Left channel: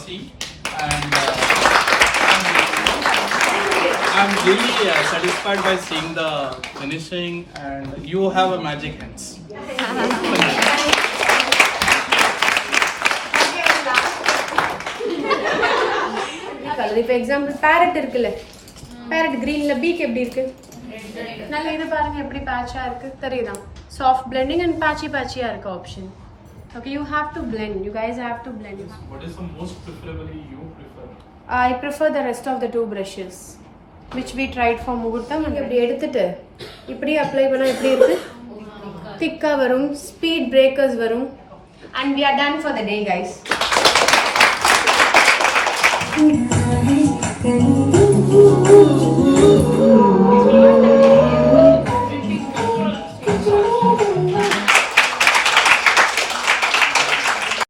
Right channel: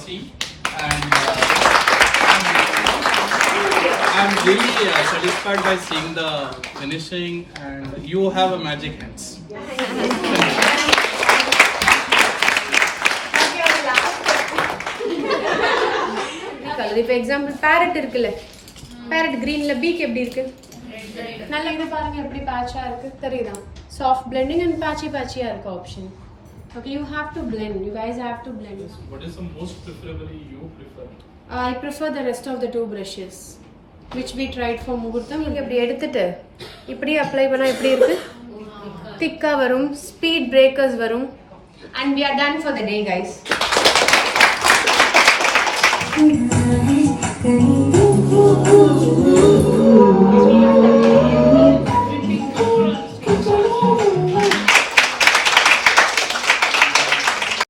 glossy, and I'm really satisfied by seeing the finishing, and you have a magic hands. Colour இப்போ example farad இருக்குல்ல, பேரட் கிரீன்ல பீக் எப்படி இருக்கு? நல்ல இது பாருங்க எப்படி பேட்சா இருக்கு தெரியுதா? சாஃப்ட் பிளெண்டிங் அண்ட் பேட்சியா இருக்கு option. Okay, you have to blend. You guys have to blend. What is the most preferably you prefer? I prefer the rest of the two brushes which we tried for முகூர்த்தம். இப்படி எடுத்துட்டு இப்படி அப்ளை பண்ணா எப்படி இருக்கு? திக்கா வரும், ஸ்பீட் பிரேக்கர்ஸ் வரும், and we are done for the day guys.